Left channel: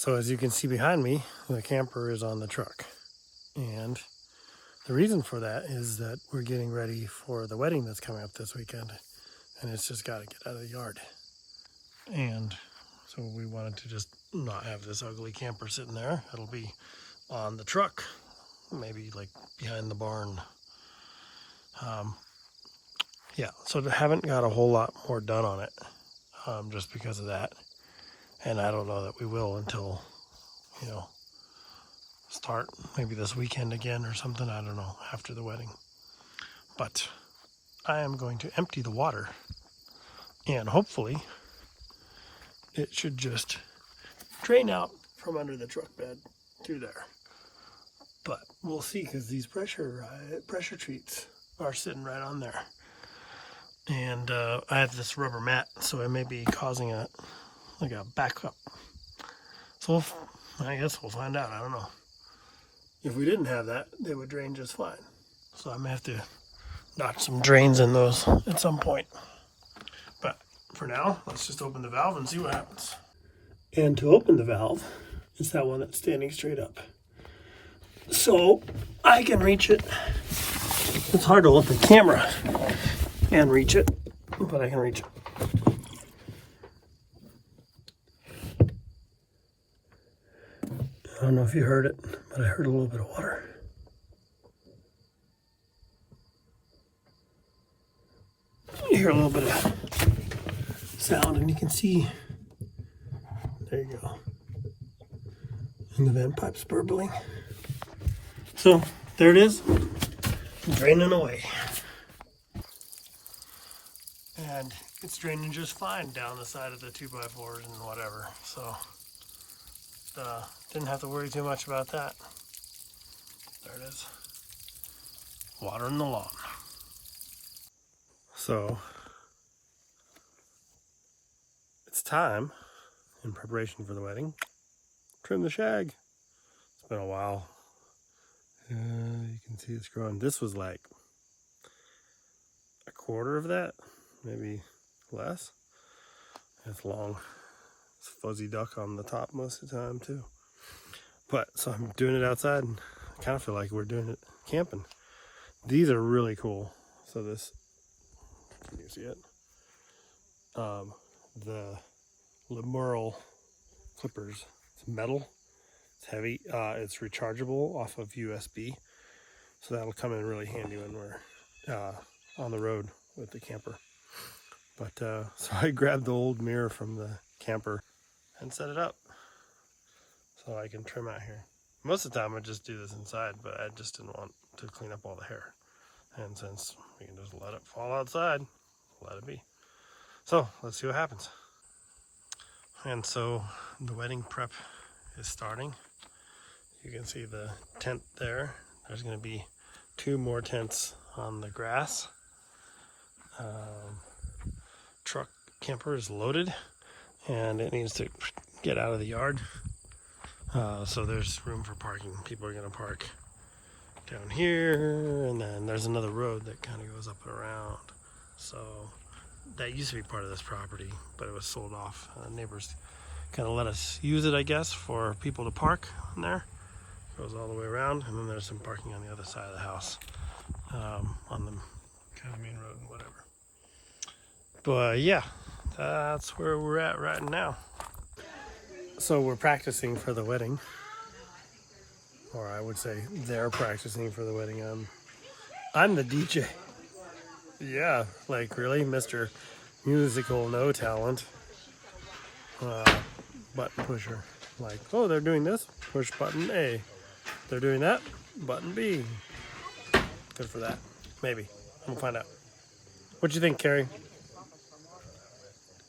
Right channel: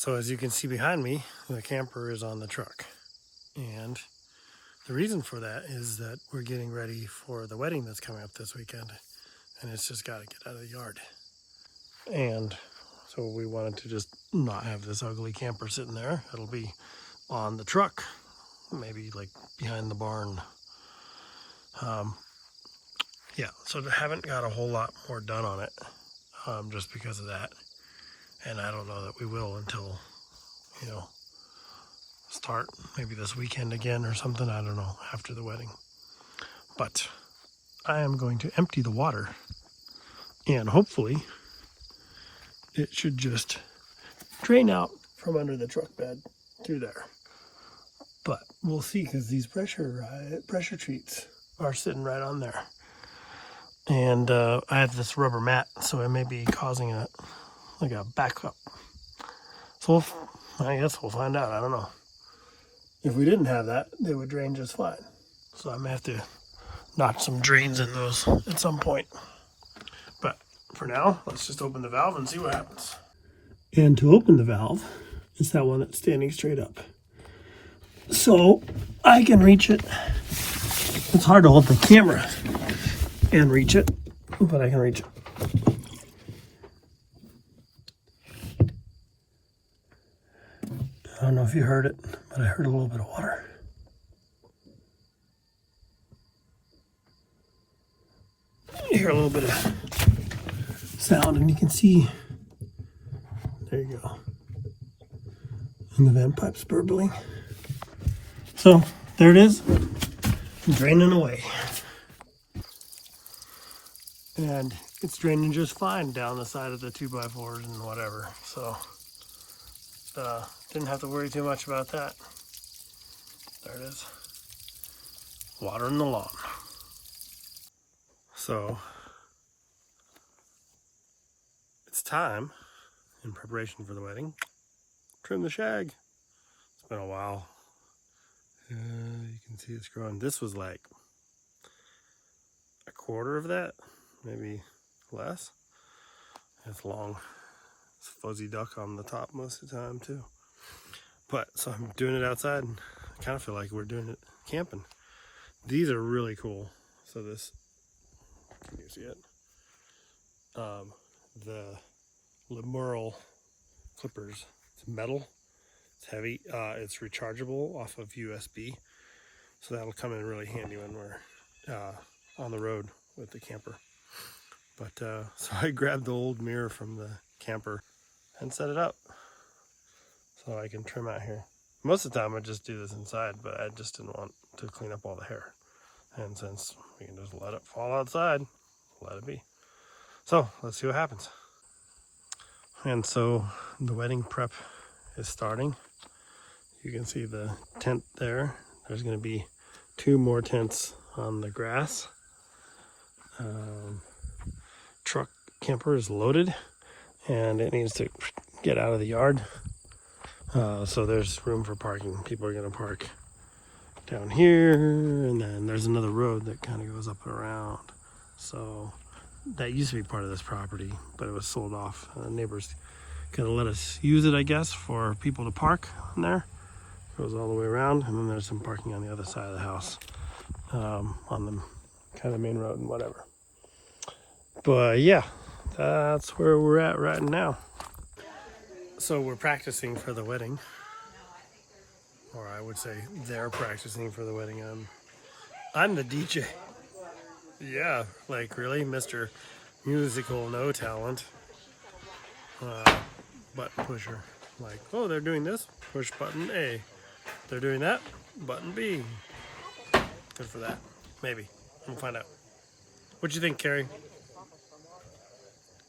So as you can see behind me, the camper is on the truck. And the reason for that is that we're getting ready for the wedding that's coming up this weekend. And it's just got to get out of the yard. And so we wanted to just not have this ugly camper sitting there. It'll be on the truck, maybe like behind the barn. Yeah, so I haven't got a whole lot more done on it just because of that. And I don't know that we will until, start maybe this weekend again or something. I don't know, after the wedding. But I am going to empty the water, and hopefully it should just drain out from under the truck bed through there. But we'll see, because these pressure treats are sitting right on there. And I have this rubber mat, so it may be causing a backup. So I guess we'll find out. I don't know. If we didn't have that, they would drain just fine. So I may have to notch some drains in those at some point. But for now, let's just open the valve and see what happens. And to open the valve, it's that one that's standing straight up. So I can reach it. It's hard to hold the camera and reach it, but I can reach it. I don't know if you heard it, but I heard a little bit of water. You hear a little bit of sound, and you can see, there you go, and the vent pipe's burbling. So there it is, draining away. And it's draining just fine down the side of the 2x4s and whatever. So didn't have to worry too much about that. There it is. Water in the lawn. So it's time, in preparation for the wedding, trim the shag. It's been a while. You can see it's growing. This was like a quarter of that, maybe less. It's long. It's fuzzy duck on the top most of the time too. But so I'm doing it outside, and I kind of feel like we're doing it camping. These are really cool. So this, can you see it? The Remodel clippers. It's metal. It's heavy. It's rechargeable off of USB. So that'll come in really handy when we're on the road with the camper. But so I grabbed the old mirror from the camper and set it up so I can trim out here. Most of the time I just do this inside, but I just didn't want to clean up all the hair. And since we can just let it fall outside, let it be. So let's see what happens. And so the wedding prep is starting. You can see the tent there. There's going to be 2 more tents on the grass. Truck camper is loaded, and it needs to get out of the yard. So there's room for parking. People are going to park down here, and then there's another road that kind of goes up and around. So that used to be part of this property, but it was sold off. The neighbors kind of let us use it, I guess, for people to park on there. It goes all the way around, and then there's some parking on the other side of the house, on the kind of main road and whatever. But yeah, that's where we're at right now. So we're practicing for the wedding, or I would say they're practicing for the wedding. I'm the DJ. Yeah, like really, Mr. Musical No Talent, button pusher. Like, oh, they're doing this, push button A. They're doing that, button B. Good for that. Maybe. We'll find out. What do you think, Carrie?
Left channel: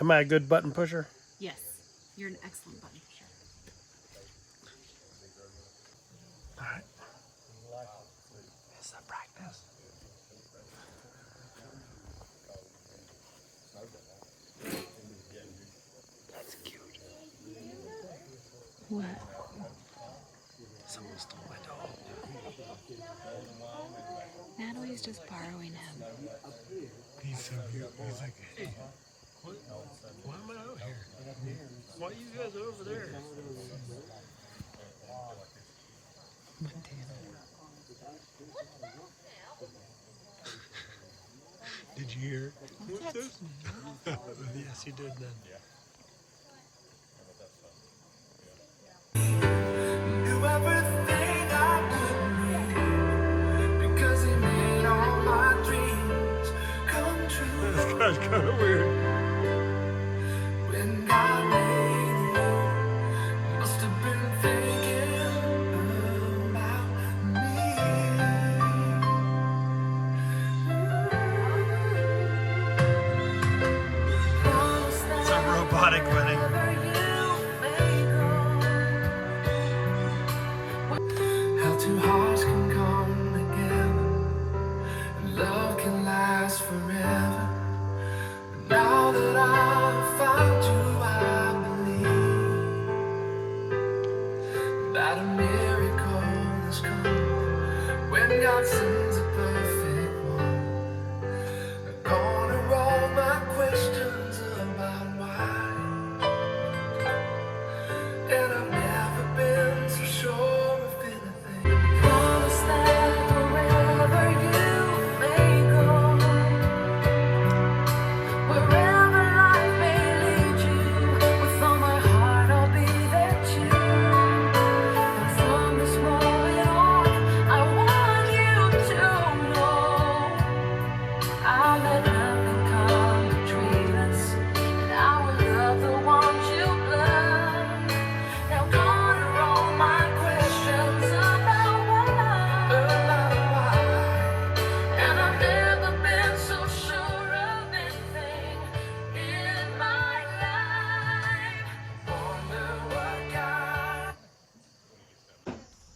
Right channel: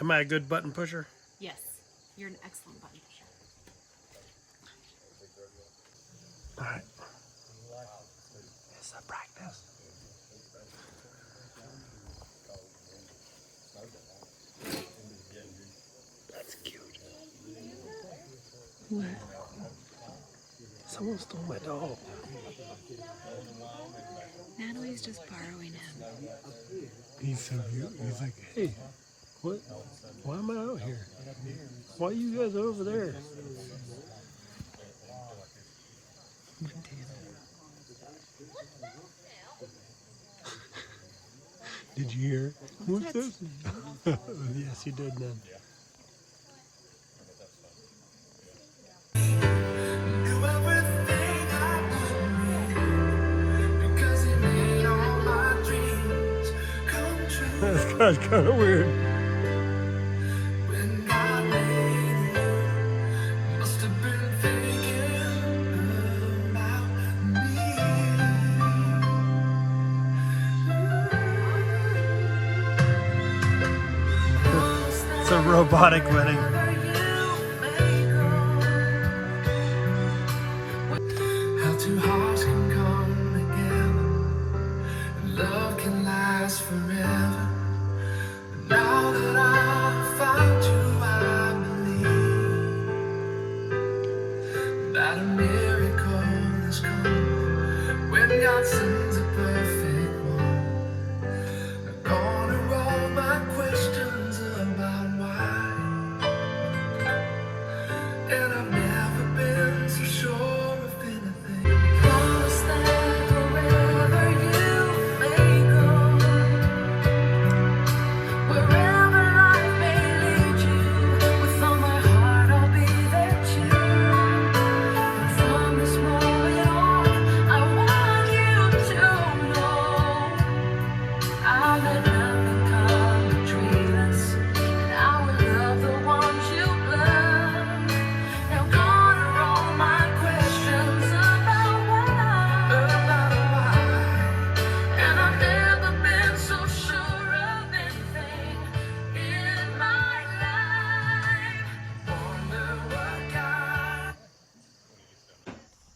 Am I a good button pusher? Yes, you're an excellent button pusher. All right. It's a practice. That's cute. Someone stole my dog. Natalie's just borrowing him. He's so cute. He's like, hey, What? Why am I out here? Why are you guys over there? Did you hear? What's this? Yes, you did then. That's kind of weird. It's a robotic wedding. How two hearts can come together, love can last forever. Now that I've found you, I believe that a miracle has come when God sends a perfect one. I'm gonna roll my questions about why, and I've never been so sure of anything. Promise that wherever you may go, wherever life may lead you, with all my heart I'll be there too. And from this moment on, I want you to know I'll let nothing come between us, and I will love the ones you love. I'm gonna roll my questions about why, and I've never been so sure of anything in my life. Wonder what God.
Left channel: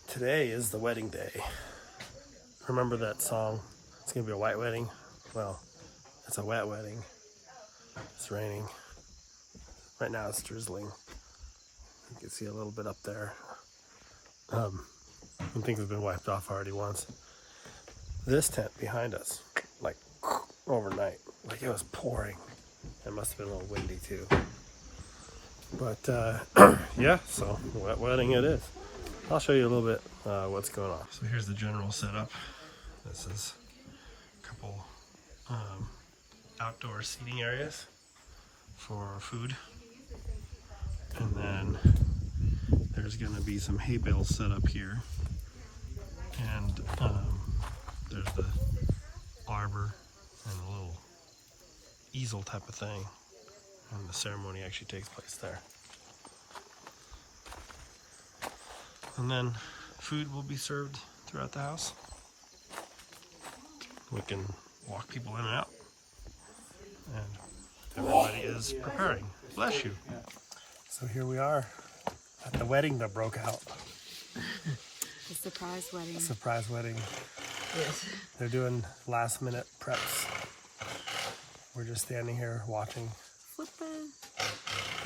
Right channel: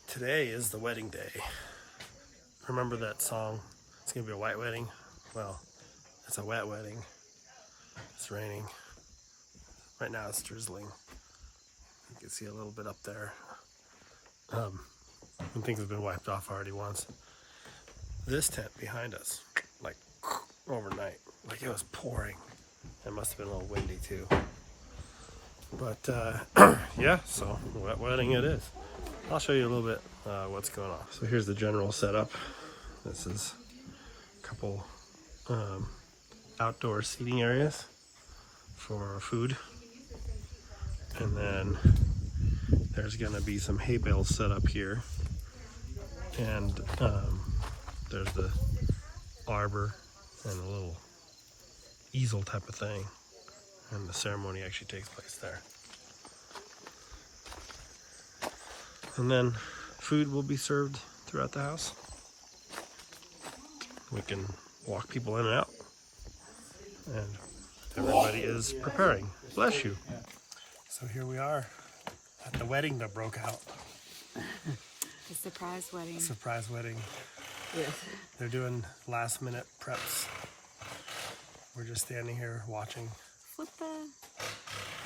Today is the wedding day. Remember that song? It's gonna be a white wedding. Well, it's a wet wedding. It's raining. Right now it's drizzling. You can see a little bit up there. And things have been wiped off already once. This tent behind us, like overnight, like it was pouring. It must have been a little windy too. But yeah, so wet wedding it is. I'll show you a little bit what's going on. So here's the general setup. This is a couple outdoor seating areas for food. And then there's gonna be some hay bales set up here. And there's the arbor and a little easel type of thing. And the ceremony actually takes place there. And then food will be served throughout the house. We can walk people in and out. And everybody is preparing. Bless you. So here we are at the wedding that broke out. The surprise wedding. Surprise wedding. Yes. They're doing last minute preps. We're just standing here watching. Flip the.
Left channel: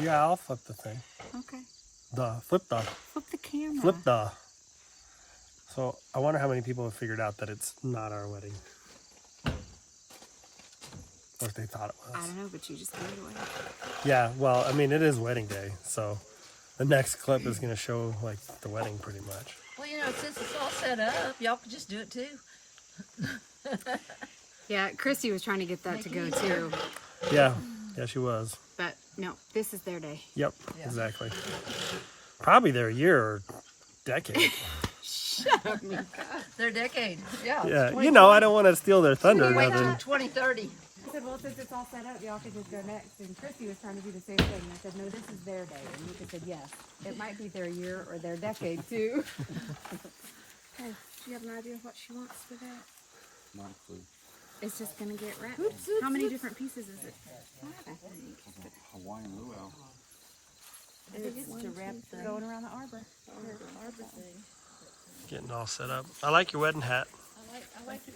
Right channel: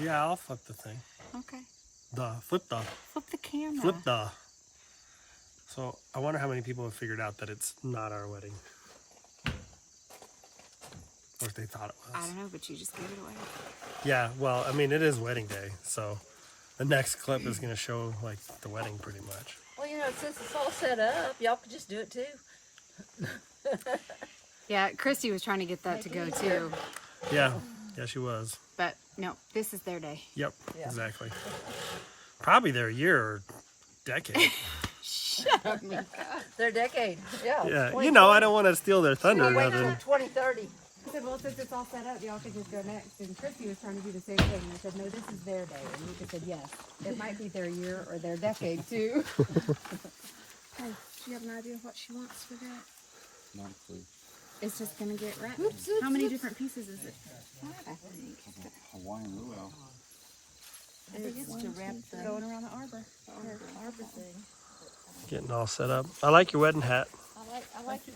Yeah, I'll flip the thing. Okay. Flip the. Flip the camera. Flip the. So I wonder how many people have figured out that it's not our wedding. Or if they thought it I was. don't know, but you just gave it away. Yeah, well, I mean, it is wedding day, so the next clip is going to show, like, the wedding pretty much. Well, you know, since it's all set up, y'all could just do it too. Yeah, Christy was trying to get that to go too. Yeah, she was. But no, this is their day. Yep, exactly. Probably their year or decade. Shut up, Mika. Their decade, yeah. Yeah, you know, I don't want to steal their thunder or Wait till nothing. 2030. I said, well, since it's all set up, y'all could just go next. And Christy was trying to do the same thing. And I said, no, this is their day. And Mika said, yes. It might be their year or their decade, too. Oh, do you have an idea of what she wants for that? Not a clue. It's just going to get wrapped. How many different pieces is it? Hawaiian luau. It's to wrap going around the arbor. Getting all set up. I like your wedding hat. I like it.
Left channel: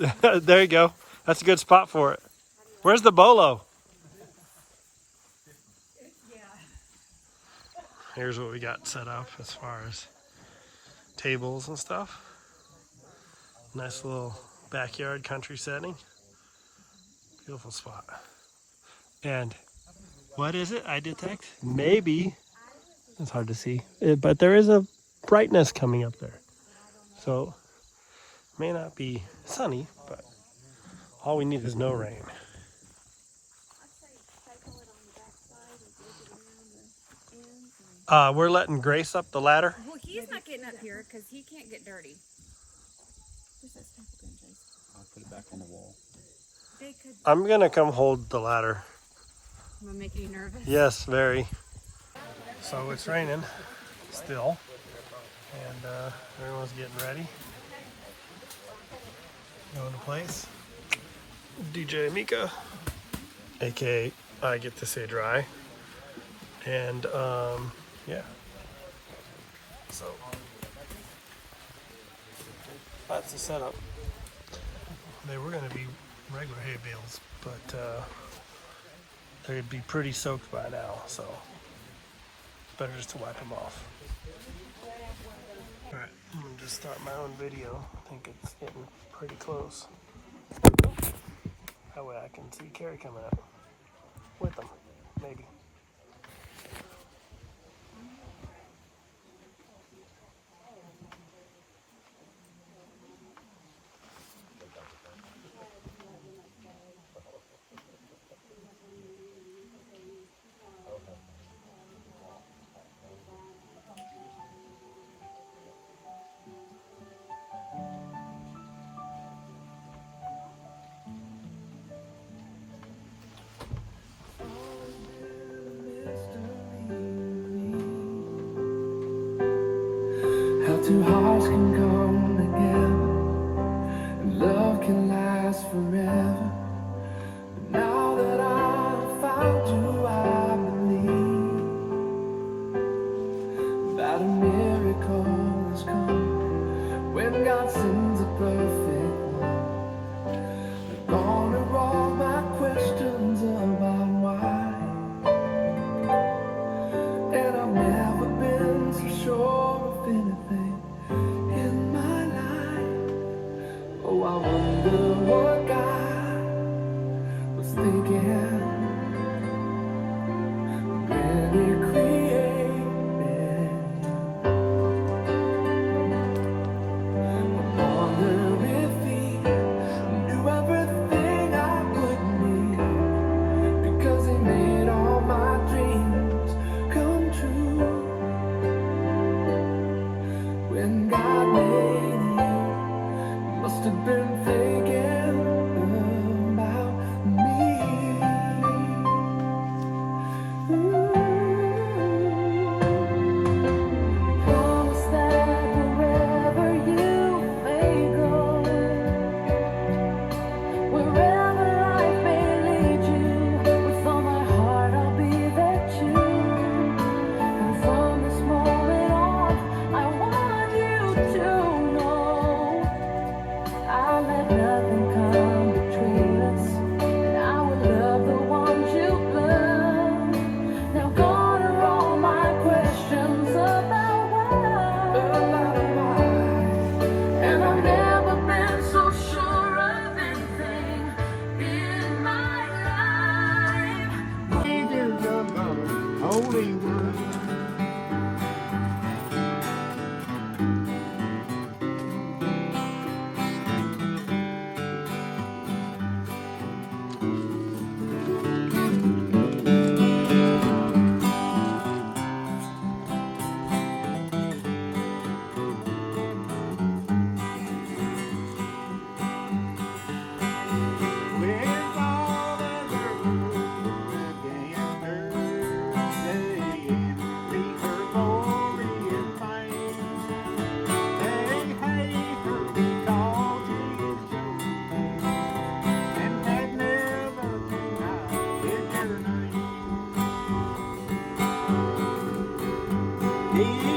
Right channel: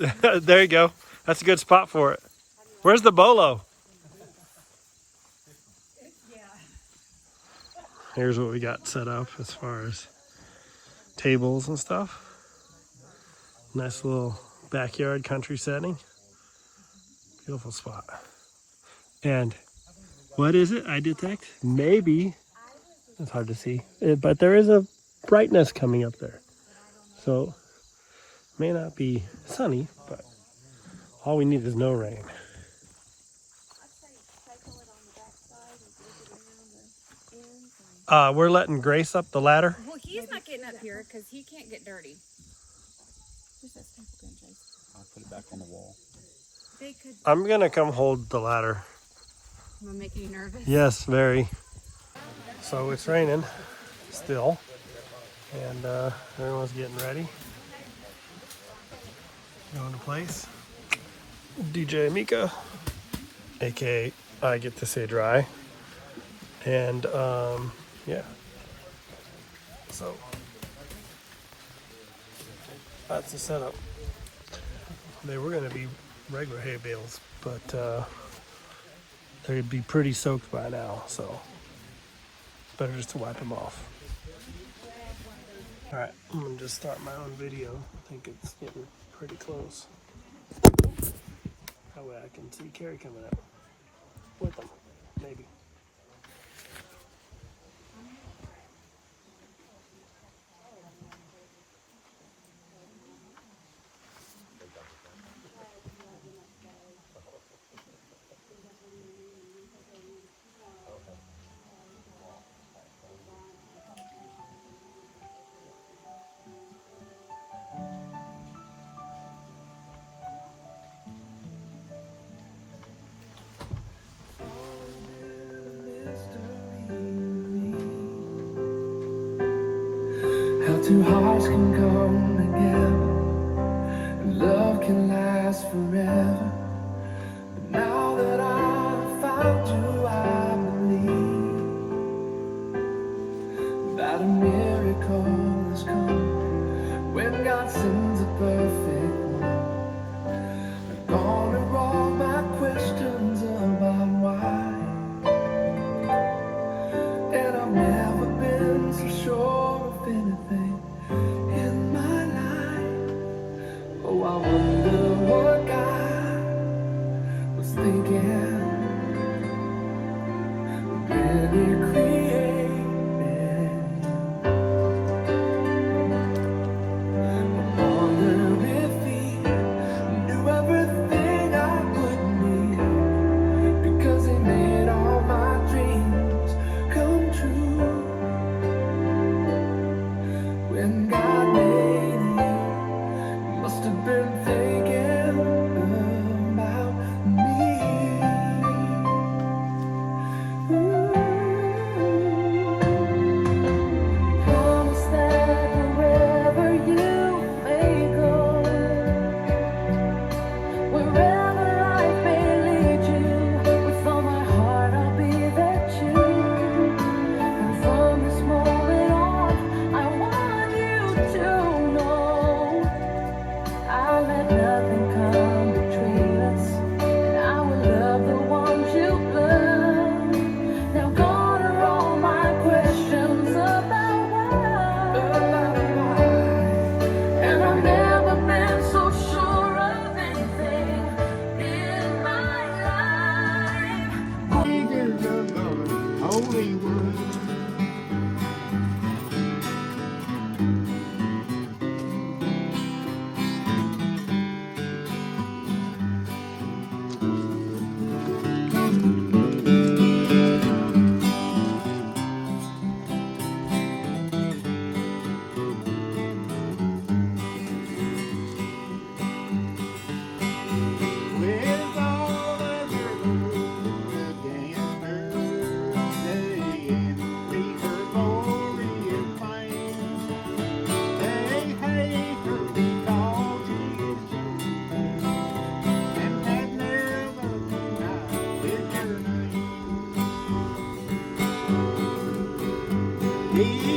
Yeah. There you go. That's a good spot for it. Where's the bolo? Here's what we got set up as far as tables and stuff. Nice little backyard country setting. Beautiful spot. And what is it I detect? Maybe, it's hard to see, but there is a brightness coming up there. So, may not be sunny, but all we need is no rain. We're letting Grace up the ladder. Well, he's not getting up here because he can't get dirty. I'll put it back on the wall. They could. I'm gonna come hold the ladder. I'm gonna make you nervous. Yes, very. So it's raining still, and everyone's getting ready. Going to place. DJ Mika, aka I get to say dry, and yeah. So that's the setup. They were gonna be regular hay bales, but they'd be pretty soaked by now, so better just to wipe them off. All right, I'm gonna just start my own video. I think it's getting pretty close. That way I can see Carrie coming up with them, maybe. How two hearts can come together, and love can last forever. But now that I found you, I believe that a miracle has come when God sends a perfect love. The God of all my questions about why, and I've never been so sure of anything in my life. Oh, I wonder what God was thinking when He created. I wonder if He knew everything I could need, because He made all my dreams come true. When God made you, He must have been thinking about me. Promise that wherever you may go, wherever life may lead you, from my heart I'll be there too. And from this moment on, I want you to know I'll let nothing come between us, and I will love the ones you love. Now gone are all my questions about why, and I've never been so sure of anything in my life. Angels of God, holy word. With all other rules against her, saying, leave her glory and fame. They hate her because she's chosen, and that never denied is her name. He